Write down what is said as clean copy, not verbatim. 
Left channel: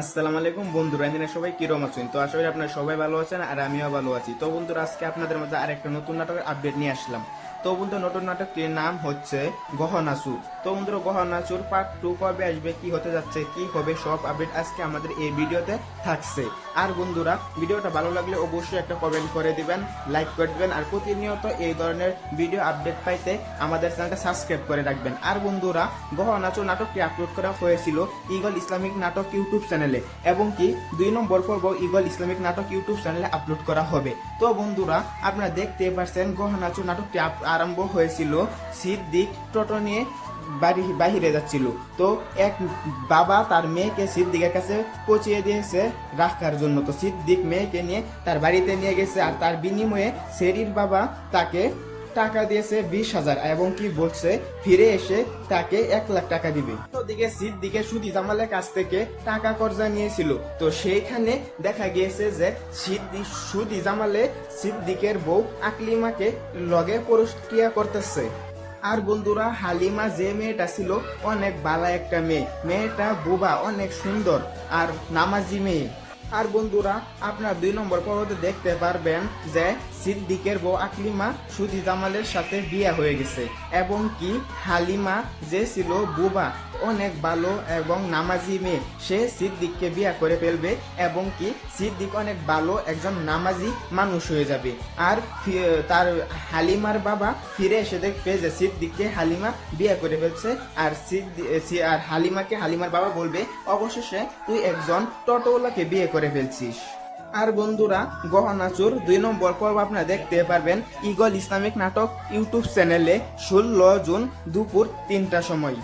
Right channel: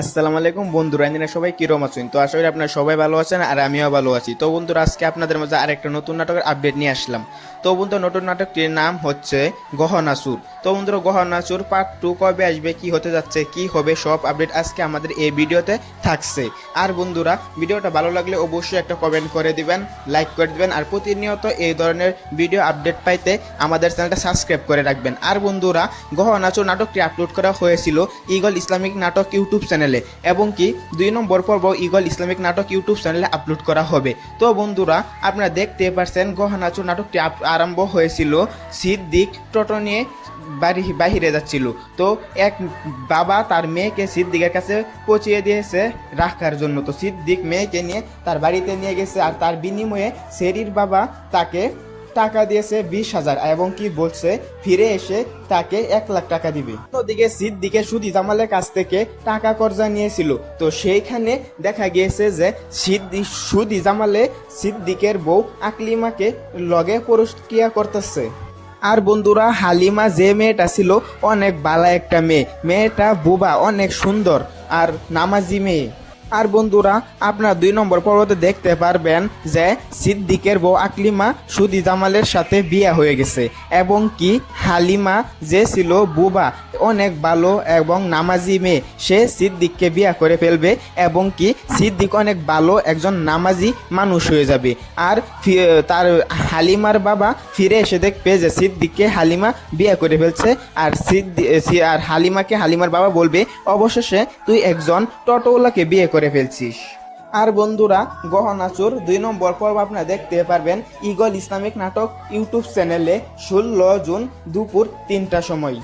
আসসালামু আলাইকুম বন্ধুরা, আপনারা সবাই কিরকম আছেন? তো আশা করি আপনারা সবাই ভালো আছেন আর আমিও ভালো আছি। তো বন্ধুরা, আজকে আপনাদের মাঝে আরেকটা নতুন নাটকের আপডেট নিয়ে আসলাম। তো বন্ধুরা, নতুন নাটকটির নাম হচ্ছে গহনাসুর। তো বন্ধুরা, গহনাসুর পার্ট 2 কবে আসবে, কি হতে যাচ্ছে, কি হবে, সব আপডেট আজকে আমাদের এই ভিডিওতে থাকছে। আর বন্ধুরা, ভিডিওটা ভালো লাগলে অবশ্যই একটা কমেন্ট করে দিবেন, লাইক করে দিবেন, আর প্রতিনিয়ত এই ধরনের ভিডিও আপডেট পাইতে আমাদের চ্যানেলটা সাবস্ক্রাইব করে রাখবেন। আর বন্ধুরা, গহনাসুর নাটকটি আপলোড করা হয়েছিল ঈগল ইসলামিক নাটক ইউটিউব চ্যানেলে, এবং কি 2 নম্বর পর্ব ঈগল ইসলামিক নাটক ইউটিউব চ্যানেলে আপলোড করা হবে। তো বন্ধুরা, আপনারা দেখতে পাচ্ছেন গহনাসুর নাটকটি আরম্ভ হয়েছিল সিদ্দিক টোটো নিয়ে বাহিরে যাচ্ছিল। তো এক বাবা তার মেয়েকে সিদ্দিকের কাছে পৌঁছিয়ে দিয়েছে রাখার জন্য। তো সিদ্দিক মেয়েকে নিয়ে তার বাড়িতে নিয়ে গেছে, আর তার বিনিময়ে শেরির বাবা তাকে টাকা দিয়েছে 20,000, এবং কি বলছে ফিরে এসে তাকে 1 লাখ টাকা দিবে। ওদিকে সিদ্দিকে সুদি জামালের কাছ থেকে টাকা কর্জা নিয়েছিল। তো সেইখানে দেখা গিয়েছে যে সুদি জামালে সিদ্দিকের বউ আকলিমাকে লগে পরক্রিয়া করতেছে। আর বন্ধুরা, হালিমা যে মেয়েটা ছিল অনেক বালা একটা মেয়েটা বুবা, অনেক সুন্দর আর নামাজি মেয়ে। আর বন্ধুরা, আপনার 2 নম্বর পর্বতে দেখতে পারবেন যে সিদ্দিকের বউ আকলিমা সুদি জামালের সাথে বিয়ে হয়ে গেছে, এবং কি হালিমা যে ছিল বুবা, অনেক ভালো এবং নামাজি মেয়ে, সে সিদ্দিককে বিয়ে করে ফেলবে, এবং কি সিদ্দিক অনেক ভালো একজন নামাজি মানুষ হয়ে যাবে। আর তার হালিমার বাবা ফিরে এসে দেখবে যে সিদ্দিককে হালিমা বিয়ে করে ফেলছে, আর আর হালিমাকে হালিমার বাবা বলবে অবশেষে তুই একজন টোটোওয়ালাকে বিয়ে করে ফেলছিস। আর বন্ধুরা, গহনাসুর 2 নম্বর পর্ব আপনারা দেখতে পারবেন ঈগল ইসলামিক নাটক ইউটিউব চ্যানেলে 16 জুন দুপুর 3টার সময়।